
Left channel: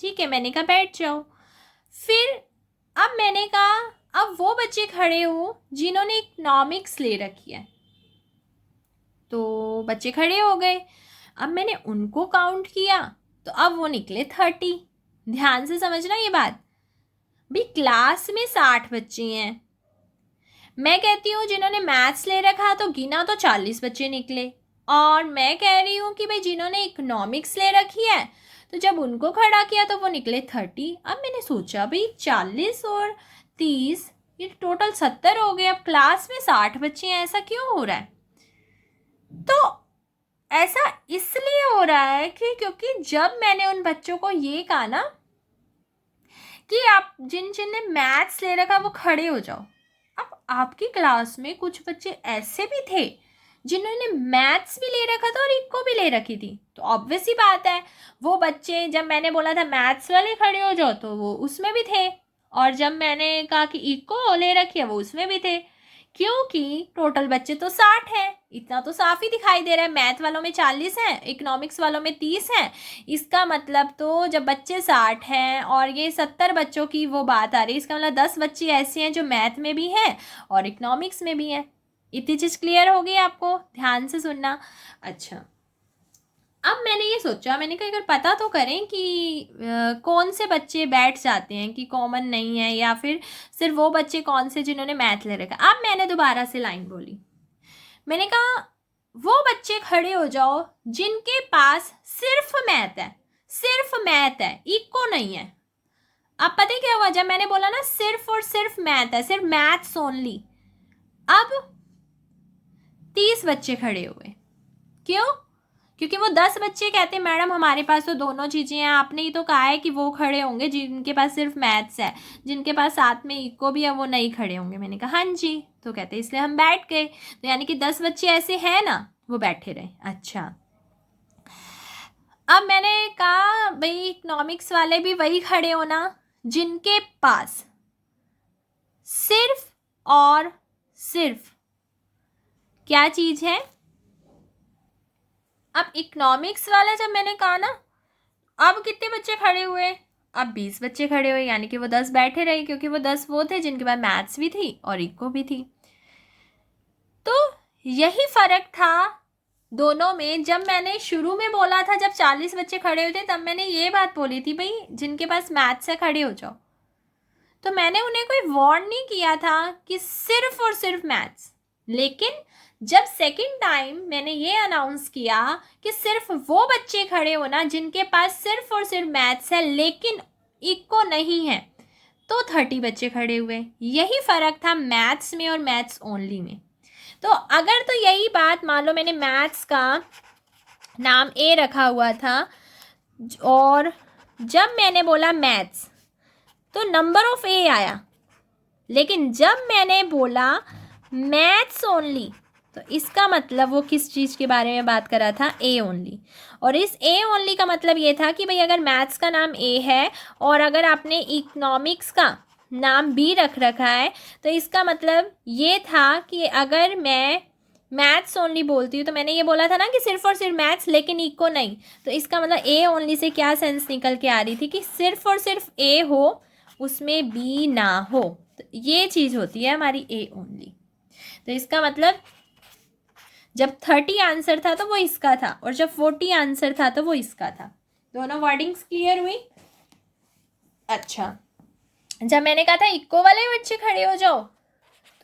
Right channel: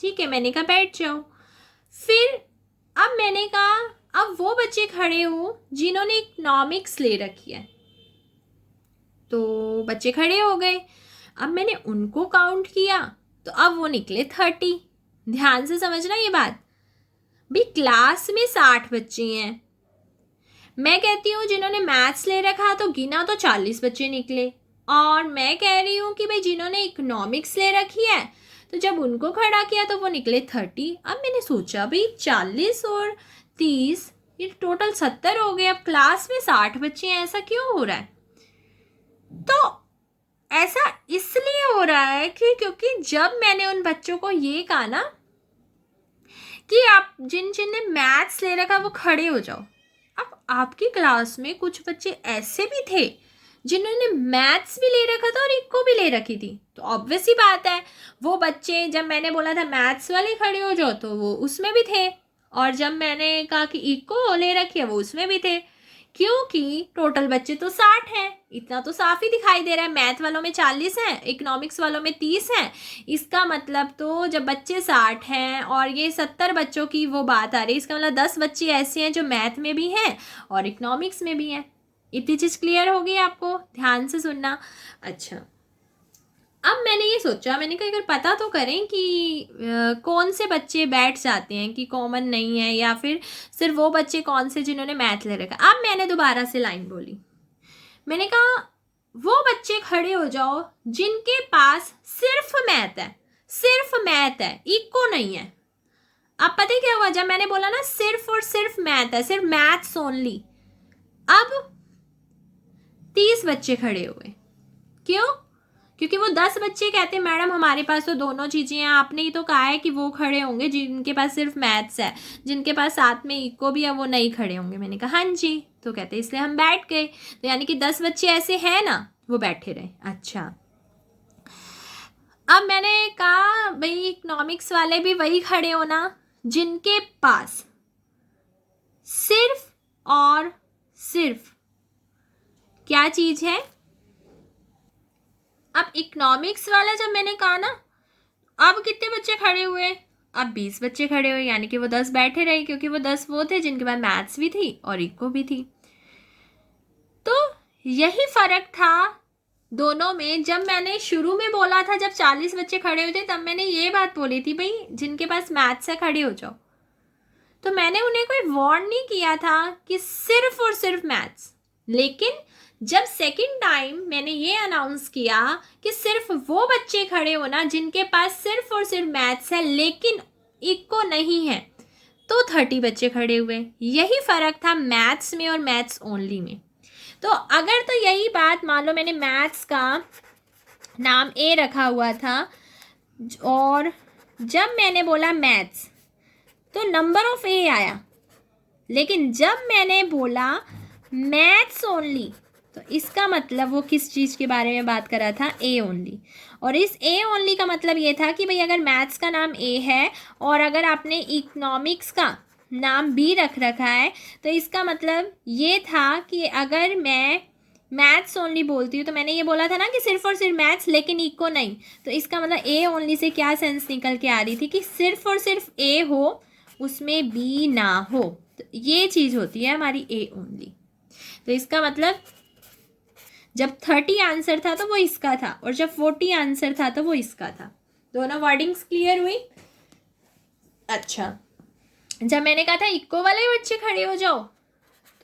ठीक है। मैंने कहा बैठ जाओ। फिर अब मैंने कहा अब वो बच्चे खड़े हो जिन्होंने इकोनॉमिक्स ले रखी है, तो बच्चे खड़े हो गए। अब मैंने उनको काउंट किया तो अब वो निकले 30। ध्यान से समझना ये बात, भाई क्लास में 60 बच्चे हैं, मैं कहती हूँ जिन्होंने मैथ्स ले रखा तो गिना तो 40 बच्चे निकले, और मैं कह रही हूँ कि भाई जिन्होंने इकोनॉमिक्स ले रखी है तो जब उनको खड़ा किया तो वो निकले 30। अब मैंने सोचा भाई 40 और 30 ये टोटल 70 हो गए, अब क्लास में 60 बच्चे हैं, ऐसा क्यों हो रहा है? तो ऐसा इसलिए हो रहा है कि क्योंकि जब मैंने उन बच्चों को ये कहा ना कि आप जिन जिन ने मैथ्स ले रखा वो खड़े हो जाओ। अब आपकी क्लास में कुछ बच्चे ऐसे भी थे जिन्होंने मैथ्स भी ले रखा था और इको भी ले रखी थी, तो ऑब्वियस ही बात है वो बच्चे, जब मैंने बोला था मैथ्स वाले खड़े हो जाओ तो वो उसमें भी थे, और जब मैंने कहा कि इको ले रखी है वो उसमें भी थे, क्योंकि टोटल बच्चे तो 60 हैं। इतना तो साफ ही दिखाई दे रहा है, मैथ वालों में 40 हैं, इकोनॉमिक्स वालों में 30 हैं। इसका मतलब तो जब बच्चे 60 हैं और ये 70 बच्चों की वो बात आ रही है, इसका मतलब 10 बच्चे ऐसे हैं जो मैथ में भी हैं और इकोनॉमिक्स में भी हैं। इतनी चीज़ क्लियर होगी आपको, ध्यान से सुनना। अच्छा, अब मैंने ये सोचा, मैंने कहा अगर पता तो करें कि कौन से बच्चे बैठ जाते हैं कि कॉमन नहीं है, या फिर सिर्फ वो बच्चे कौन से जिन्होंने मैथ ले रखा। अब मैंने दोबारा से लाइन बोली, मैंने कहा वो बच्चे खड़े हो जाओ जिनके पास सिर्फ मैथ है, सिर्फ मैथ है, इको नहीं है। अब पता है क्या हुआ, जब मैंने बोला ना सिर्फ और सिर्फ मैथ है, सिर्फ मैथ्स ओनली, अब 30 बच्चे खड़े हुए। क्यों? क्योंकि वो 10 बच्चे कहते मैडम हमारे पास तो दोनों चीज़ें हैं। आपने ही तो कहा है कि वो खड़े होंगे जिनके पास सिर्फ मैथ्स है, जिनके पास साथ में इको भी है वो नहीं खड़े होंगे। मैंने कहा हाँ जी, तो कहते इसलिए हम बैठ गए। तो यानी कि 10 बच्चे ऐसे हैं ना, वो बैठे रहे। अच्छा, अब मैंने कहा भाई इकोनॉमिक्स वाले भी वही खड़े होना जिनके पास सिर्फ और सिर्फ क्या चीज़ है। अब इकोनॉमिक्स वाला जब मैंने कहा ना, अब कितने बच्चे खड़े हुए, अब 20 बच्चे खड़े हुए, यानी कि वो 10 बैठे रहे, क्योंकि वो 10 वो थे जिनके पास मैथ्स भी थी और इको भी थी। तो यही फर्क था दोनों में। जब मैंने शुरू में बोला था, जब 40 बच्चे खड़े हुए थे, तब मैंने ये बात बोली थी भाई जिनके पास मैथ्स है खड़े हो जाओ। तो मैंने उन्हें कोई वार्न नहीं किया था कि सिर्फ और सिर्फ मैथ्स। लेकिन जब सेकंड टाइम मैंने ये अनाउंस किया कि सिर्फ वो बच्चे खड़े होना जिनके पास सिर्फ और सिर्फ मैथ्स है लेकिन इको नहीं है, तो 30 बच्चे खड़े हुए। यही फ़र्क था मैथ्स में और मैथ्स ओनली में। तो अगर तो यही बात मान लो मैंने मैथ्स का नाम ए रखा हुआ था और जब मैंने बोला मैथ्स तो नंबर ऑफ ए आया, लेकिन जब मैंने बोला मैथ्स ओनली तो इसका मतलब वो किस चीज़ के बारे में बात कर रहा था, ए ओनली। और इस ए ओनली का मतलब ये था कि भाई अगर मैथ्स का नाम ए है और अगर आपने इकोनॉमिक्स का नाम बी रख रखा है तो इसका मतलब ये था कि अगर मैं मैथ्स ओनली बोलती हूँ तो मैंने ये बोला था ना कि सिर्फ और सिर्फ मैथ्स लेकिन इको नहीं, तो इसका मतलब ए ओनली से क्या सेंस निकल के आ रही थी कि सिर्फ और सिर्फ ए हो, उसमें बी ना हो। तो ये चीज़ होती है हमारी ए ओनली। तो इसका मतलब जब 30 आंसर था तो वो इसका था और जब 40 आंसर था तो वो इसका था। दोनों वर्डिंग्स क्लियर हुई। अच्छा, जब मैंने कहा था इको वाले बच्चे खड़े हो जाओ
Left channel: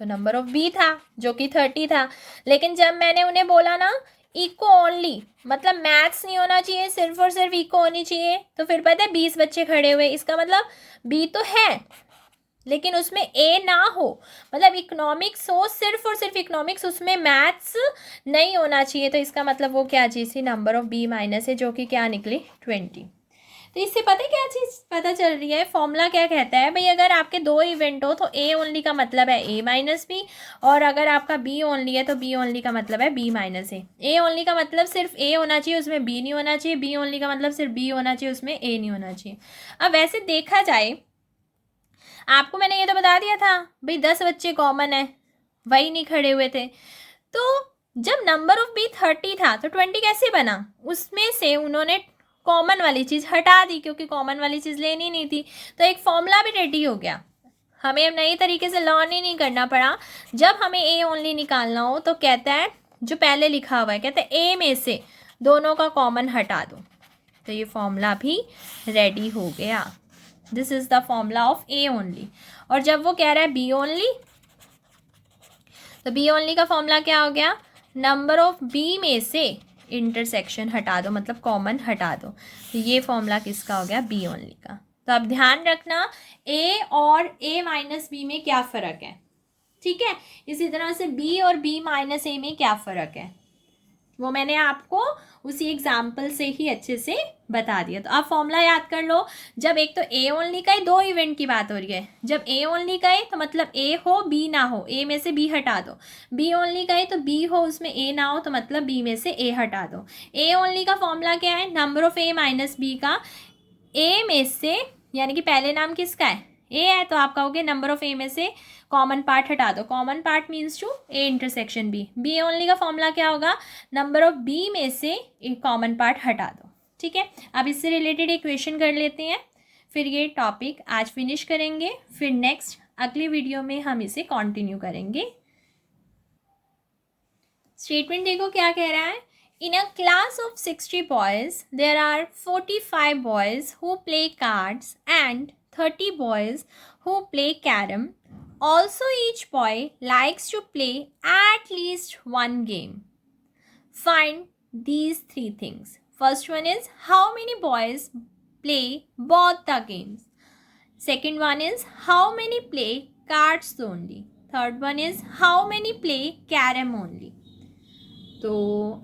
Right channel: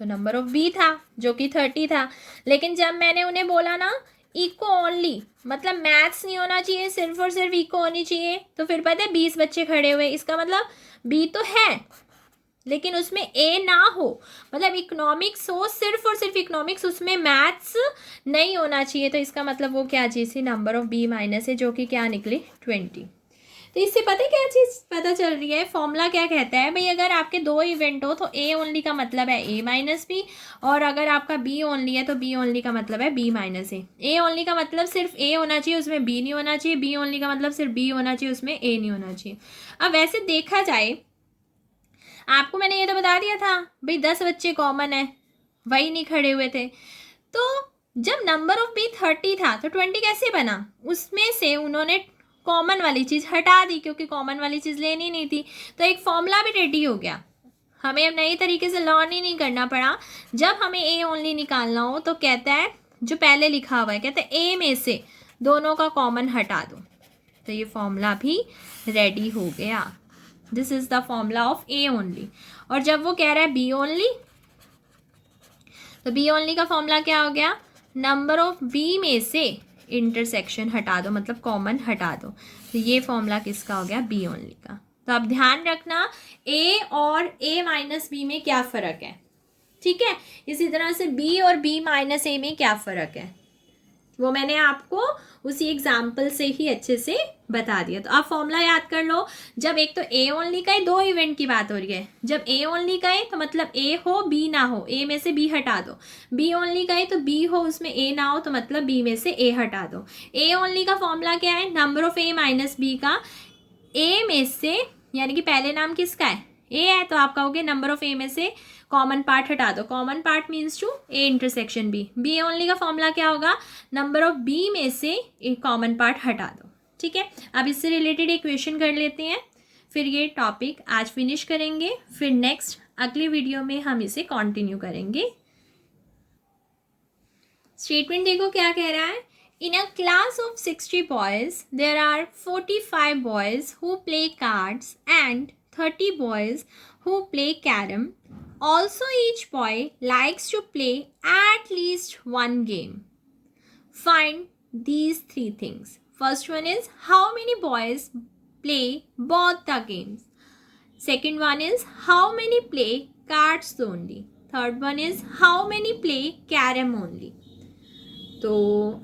तो नंबर ऑफ बी था जो कि 30 था, लेकिन जब मैंने उन्हें बोला ना इको ओनली मतलब मैथ्स नहीं होना चाहिए, सिर्फ और सिर्फ इको होनी चाहिए, तो फिर पता है 20 बच्चे खड़े हुए। इसका मतलब बी तो है लेकिन उसमें ए ना हो, मतलब इकोनॉमिक्स हो सिर्फ और सिर्फ इकोनॉमिक्स, उसमें मैथ्स नहीं होना चाहिए। तो इसका मतलब वो क्या चीज़ थी, नंबर ऑफ बी माइनस है, जो कि क्या निकली 20। तो इससे पता है क्या चीज़ पता चल रही है, फॉर्मूला क्या कहता है भाई अगर आपके दो इवेंट हो तो ए ओनली का मतलब है ए माइनस बी, और अगर आपका बी ओनली है तो बी ओनली का मतलब है B minus A. A only का मतलब सिर्फ ए होना चाहिए उसमें बी नहीं होना चाहिए, बी ओनली का मतलब सिर्फ बी होना चाहिए उसमें ए नहीं होना चाहिए। अब वैसे देखा जाए आपको मैंने ये तो बता दिया था भाई 10 बच्चे कॉमन है, वही नहीं खड़े हुए थे। तो जब नंबर ऑफ बी 30 था तो 20 कैसे बना, उसमें से उन्होंने कॉमन वाली चीज़ हटा दी क्योंकि कॉमन वाली चीज़ लेनी नहीं थी, तो एक फॉर्मूला भी रेडी हो गया। हमें अब नई तरीके से लर्न ही नहीं करना पड़ा। जब हमें ए ओनली निकालना हो तो कहता है जो पहले लिखा हुआ है, कहता है ए में से दोनों का कॉमन हटा दो, तो ये फॉर्मूला भी रेडी हो गया। This is the formula of A only. और जब वो कह रहा है बी ओनली तो बी ओनली का फॉर्मूला क्या हो गया, नंबर ऑफ बी में से इंटरसेक्शन हटा दो मतलब कॉमन हटा दो, तो ये फॉर्मूला किसका हो गया, बी ओनली का। तो अब ध्यान रखना ए और ए माइनस बी में क्या फ़र्क है, ठीक है। इसी तरह से बी और बी माइनस ए में क्या फ़र्क है। वो मैंने आपको उसी एग्जाम्पल से ही अच्छे से बता दिया। तो आप फॉर्मूला याद कर लो। जब एक तो ए ओनली का है, दो इवेंट की बात हो रही है। जब ए ओनली का है तो मतलब ए हो बी ना हो, ए में से बी हटा दो। बी ओनली का है तो बी हो उसमें ए ना हो तो मतलब बी में से ए हटा दो। ए ओनली का फॉर्मूला क्या है, number of A minus B का ए में से, यानी कि पहले नाम किसका है, ए है, तो आप कहोगे नंबर ऑफ ए में से कॉमन पार्ट हटा दो। Common part means to A intersection B. B only का फॉर्मूला क्या होगा, नंबर ऑफ बी में से एक कॉमन पार्ट हटा दो। ठीक है, अब इससे रिलेटेड इक्वेशन कर लेते हैं, फिर ये टॉपिक आज फिनिश करेंगे, फिर नेक्स्ट अगले वीडियो में हम इसे कंटिन्यू करेंगे। स्टेटमेंट देखो क्या कह रहा है। In a class of 60 boys, there are 45 boys who play cards and 30 boys who play carom. Also, each boy likes to play at least one game. Find these three things. First one is how many boys play both the games. Second one is how many play cards only. Third one is how many play carom only. तो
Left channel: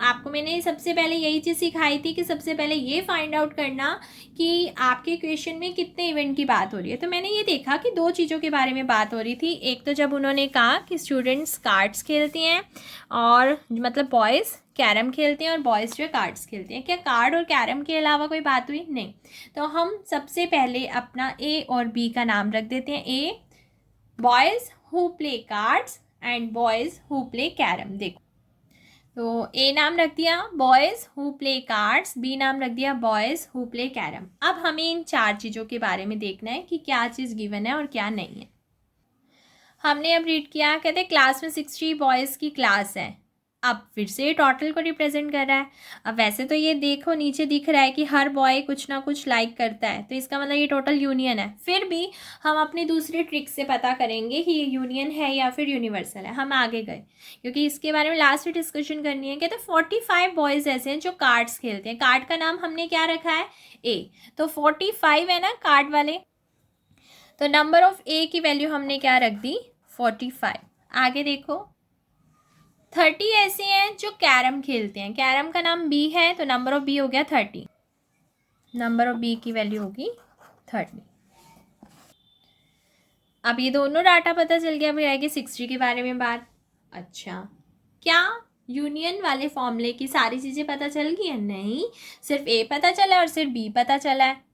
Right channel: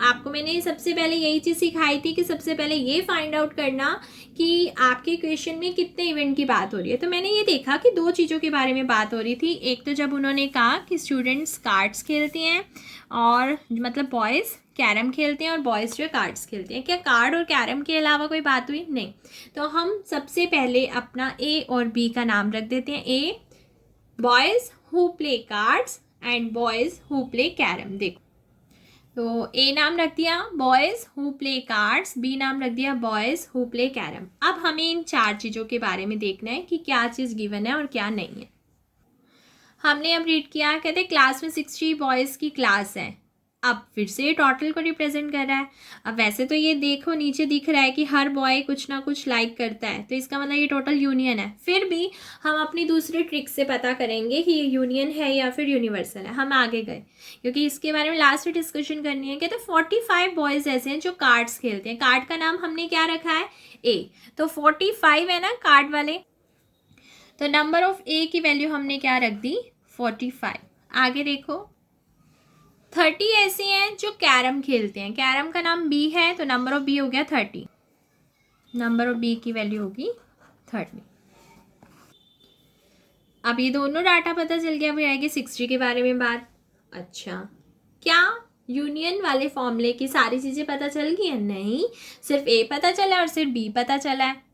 आपको मैंने सबसे पहले यही चीज़ सिखाई थी कि सबसे पहले ये फाइंड आउट करना कि आपके क्वेश्चन में कितने इवेंट की बात हो रही है। तो मैंने ये देखा कि दो चीज़ों के बारे में बात हो रही थी। एक तो जब उन्होंने कहा कि स्टूडेंट्स कार्ड्स खेलते हैं और मतलब बॉयज़ कैरम खेलते हैं और बॉयज़ जो है कार्ड्स खेलते हैं, क्या कार्ड और कैरम के अलावा कोई बात हुई? नहीं। तो हम सबसे पहले अपना ए और बी का नाम रख देते हैं। A boys who play cards and boys who play carrom. देखो, तो ए नाम रख दिया boys who play cards, B नाम रख दिया बॉयज़ हु प्ले कैरम। अब हमें इन चार चीज़ों के बारे में देखना है कि क्या चीज़ गिवन है और क्या नहीं है। हमने अब रीड किया, कहते हैं क्लास में 60 बॉयज़ की क्लास है। अब फिर से टोटल को रिप्रेजेंट कर रहा है। अब वैसे तो ये देखो नीचे दिख रहा है कि हर बॉय कुछ ना कुछ लाइक करता है, तो इसका मतलब ये टोटल यूनियन है। फिर भी हम अपनी दूसरी ट्रिक से पता करेंगे कि ये यूनियन है या फिर यूनिवर्सल है। हम आगे गए क्योंकि इसके बारे में लास्ट में डिस्कशन करनी है। कहते हैं 45 बॉयज़ ऐसे हैं जो कार्ड्स खेलते हैं। कार्ड का नाम हमने क्या रखा है, ए, तो 45 है ना कार्ड वाले, तो नंबर ऑफ ए की वैल्यू हमने क्या रख दी, 45। आगे देखो 30 ऐसे हैं जो कैरम खेलते हैं। कैरम का नाम बी है तो नंबर ऑफ बी हो गया 30। नंबर ऑफ बी की वैल्यू होगी 30। अब ये दोनों डाटा पता चल गया, अभी आएगी 60 के बारे में बात। अच्छा, क्या यूनियन वाले फॉर्मूले की सारी चीज़ें पता चल गई है? नहीं, सिर्फ ए पता चला है और सिर्फ बी पता चला है।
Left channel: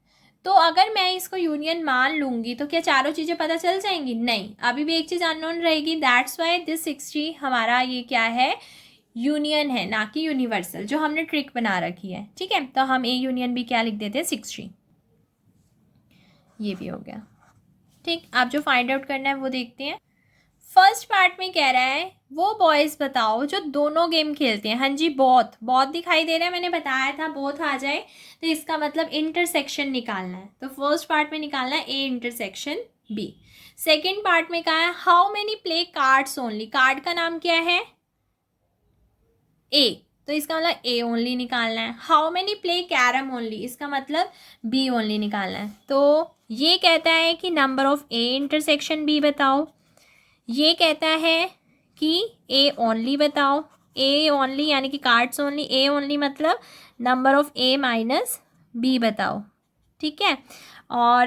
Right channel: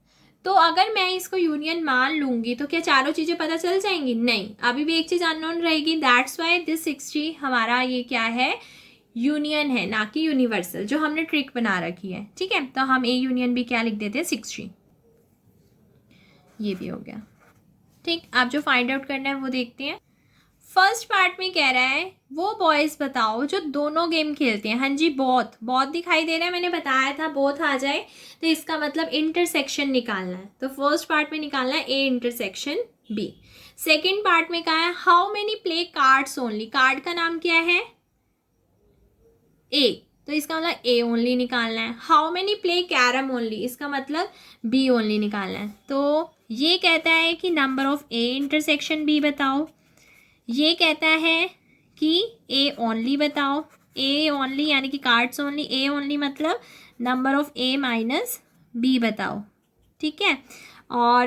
तो अगर मैं इसको यूनियन मान लूँगी तो क्या चारों चीज़ें पता चल जाएंगी? नहीं, अभी भी एक चीज़ अननोन रहेगी। दैट्स वाई दिस 60 हमारा ये क्या है, यूनियन है, ना कि यूनिवर्सल, जो हमने ट्रिक बना रखी है। ठीक है, तो हम ए यूनियन भी क्या लिख देते हैं, 60। ये भी हो गया। ठीक, आप जो फाइंड आउट करना है वो देखते हैं। फर्स्ट पार्ट में कह रहा है वो बॉयज़ बताओ जो दोनों गेम खेलते हैं। हाँ जी, बहुत दिखाई दे रहा है, मैंने बताया था बहुत आ जाए तो इसका मतलब इंटरसेक्शन निकालना है। तो फर्स्ट पार्ट में निकालना है A intersection B. Second part में कहा है how many play cards only. Card का नाम क्या है, ए, तो इसका मतलब ए ओनली निकालना है। How many play carrom only, इसका मतलब बी ओनली निकालना है। तो ये कहता है कि number of A intersection B बताओ। ये कहता है कि ए ओनली बताओ। ए ओनली यानी कि कार्ड्स ओनली, ए ओनली मतलब number of A minus B बताओ। ठीक है, और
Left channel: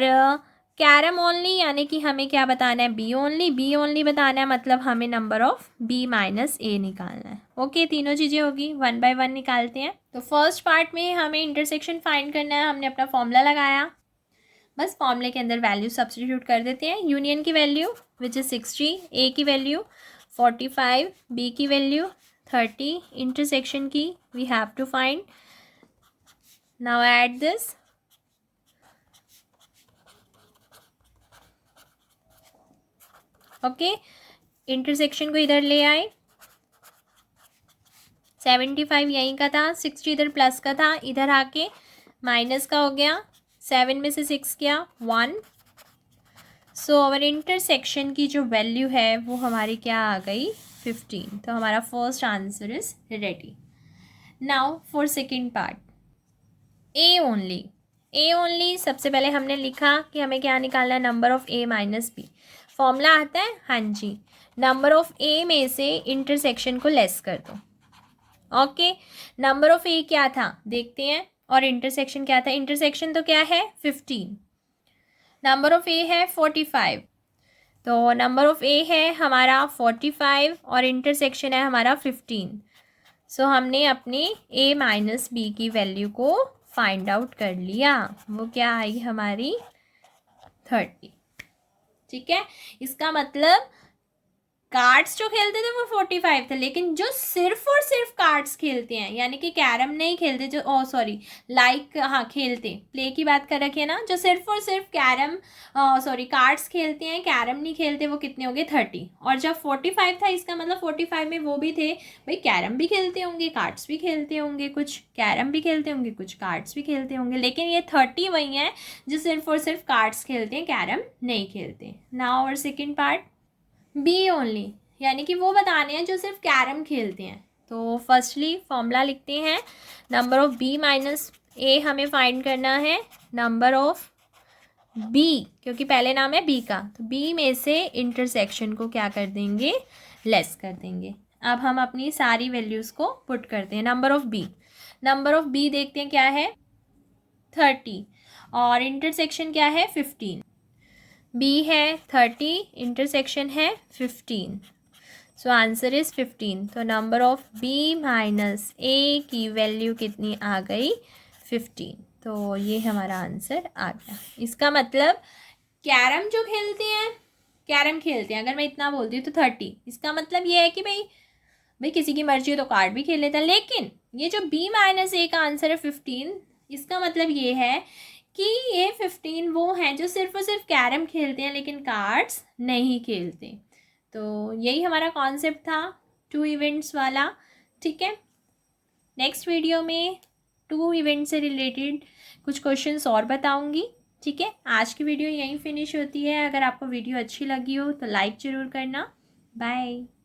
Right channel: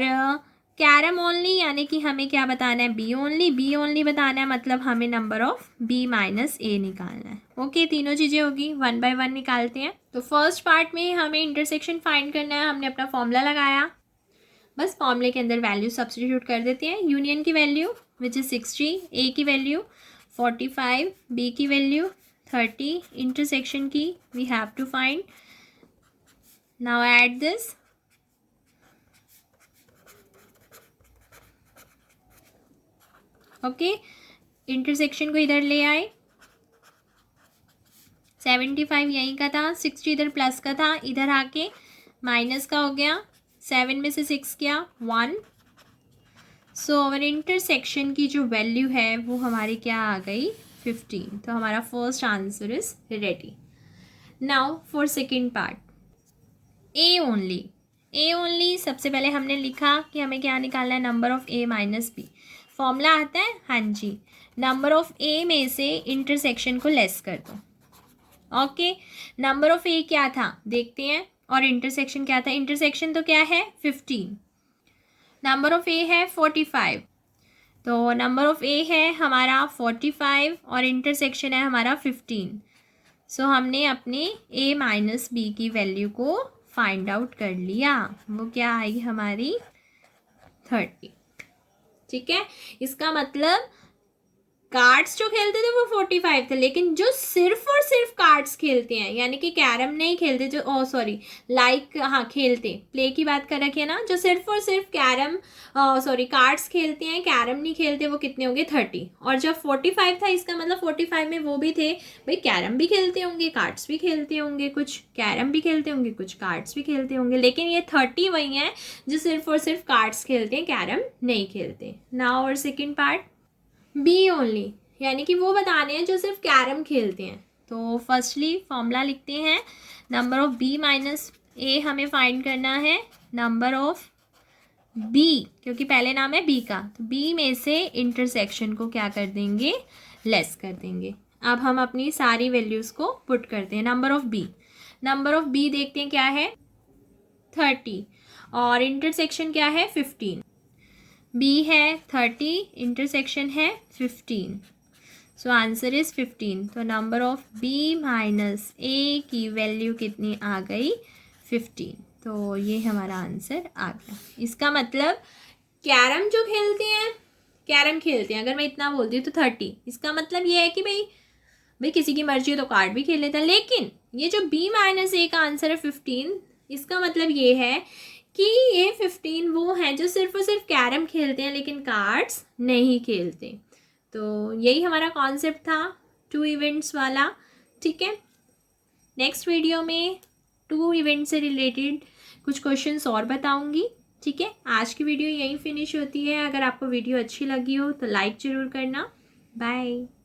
कैरम ओनली यानी कि हमें क्या बताना है, बी ओनली। बी ओनली बताना है मतलब हमें नंबर ऑफ बी माइनस ए निकालना है। ओके, तीनों चीज़ें होगी, वन बाय वन निकालते हैं। तो फर्स्ट पार्ट में हमें इंटरसेक्शन फाइंड करना है। हमने अपना फॉर्मूला लगाया, बस फॉर्मूले के अंदर वैल्यू सब्स्टिट्यूट कर देते हैं। यूनियन की वैल्यू विच इज़ 60, ए की वैल्यू 45, बी की वैल्यू 30, इंटरसेक्शन की we have to find. Now add this, okay, intersection को इधर ले आए। 75 यहीं का था, 60 इधर प्लस का था, इधर आके माइनस का हो गया। 7 में से 6 गया 1। सो अवर इंटरसेक्शन की जो वैल्यू है वो हमारी क्या आ गई, 15। तो हमारा first answer is ready. Now for second part, A only. A only सबसे पहले हमने लिखा कि हमें क्या निकालना है, number of A minus B. Formula आता है, हाँ जी, नंबर ऑफ ए में से इंटरसेक्शन को लेस कर दो। ओके, नंबर ऑफ ए क्या था देखते हैं, और इंटरसेक्शन क्या था, इंटरसेक्शन तो क्या है 15, नंबर ऑफ ए है 45, तो नंबर ऑफ ए है हमारा 45 और इंटरसेक्शन है हमारा 15। सो हमने अपने ए माइनस बी की वैल्यू को फाइंड आउट कर लिया, वो क्या आई हमारी 30। ठीक है, इसका मतलब कार्ड्स जो खेलते थे वो 45 थे, लेकिन जो सिर्फ और सिर्फ कार्ड्स खेलते हैं यानी कि कैरम नहीं खेलते, जो सॉरी लाइक हाँ खेलते, प्ले की बात कर रखी है ना, जो सिर्फ और सिर्फ कैरम सॉरी कार्ड्स खेलते हैं, कैरम नहीं खेलते, वो कितने होंगे 30। और जब 45 था इसका मतलब 45 में वो भी थे भाई, कैरम भी खेलते होंगे, कार्ड्स भी खेलते होंगे, कुछ कैरम भी खेलते होंगे, कुछ कार्ड्स भी खेलते होंगे, लेकिन ये 30 वही हैं जो सिर्फ और सिर्फ कार्ड्स खेलते हैं, कैरम नहीं खेलते। नाउ और सेकेंड पार्ट, बी ओनली, यानी कि वो बताने हैं जो सिर्फ कैरम खेलते हैं। तो फर्स्टली फॉर्मूला लिखते हैं, नंबर ऑफ बी माइनस ए हमें फाइंड करना है, नंबर ऑफ बी क्योंकि पहले नाम है बी का, तो बी में से इंटरसेक्शन को क्या कर देंगे, लेस कर देंगे। अब हम अपनी सारी वैल्यूज़ को पुट करते हैं, number of B, number of B देखते हैं क्या है 30 और इंटरसेक्शन क्या है 15, बी है 30, इंटरसेक्शन है 15, सो आंसर इज 15। तो नंबर ऑफ बी माइनस ए की वैल्यू कितनी आ गई 15, तो ये हमारा आंसर आ गया। इसका मतलब कैरम जो खेलते हैं, कैरम खेलते हैं, अगर मैं इतना बोलती हूँ तो 30, इसका मतलब ये है कि भाई किसी की मर्जी हो तो कार्ड भी खेल लेता है, लेकिन ये जो बी माइनस ए का आंसर है 15, इसका मतलब ये है कि ये 15 वो हैं जो सिर्फ और सिर्फ कैरम खेलते हैं लेकिन कार्ड्स नहीं खेलते। तो यही हमारा कॉन्सेप्ट था 2 इवेंट्स वाला। ठीक है, नेक्स्ट वीडियो में 2 इवेंट से रिलेटेड कुछ क्वेश्चंस और बताऊंगी। ठीक है, आज की वीडियो यहीं फिनिश होती है। अगर आपको वीडियो अच्छी लगी हो तो लाइक ज़रूर करना। बाय।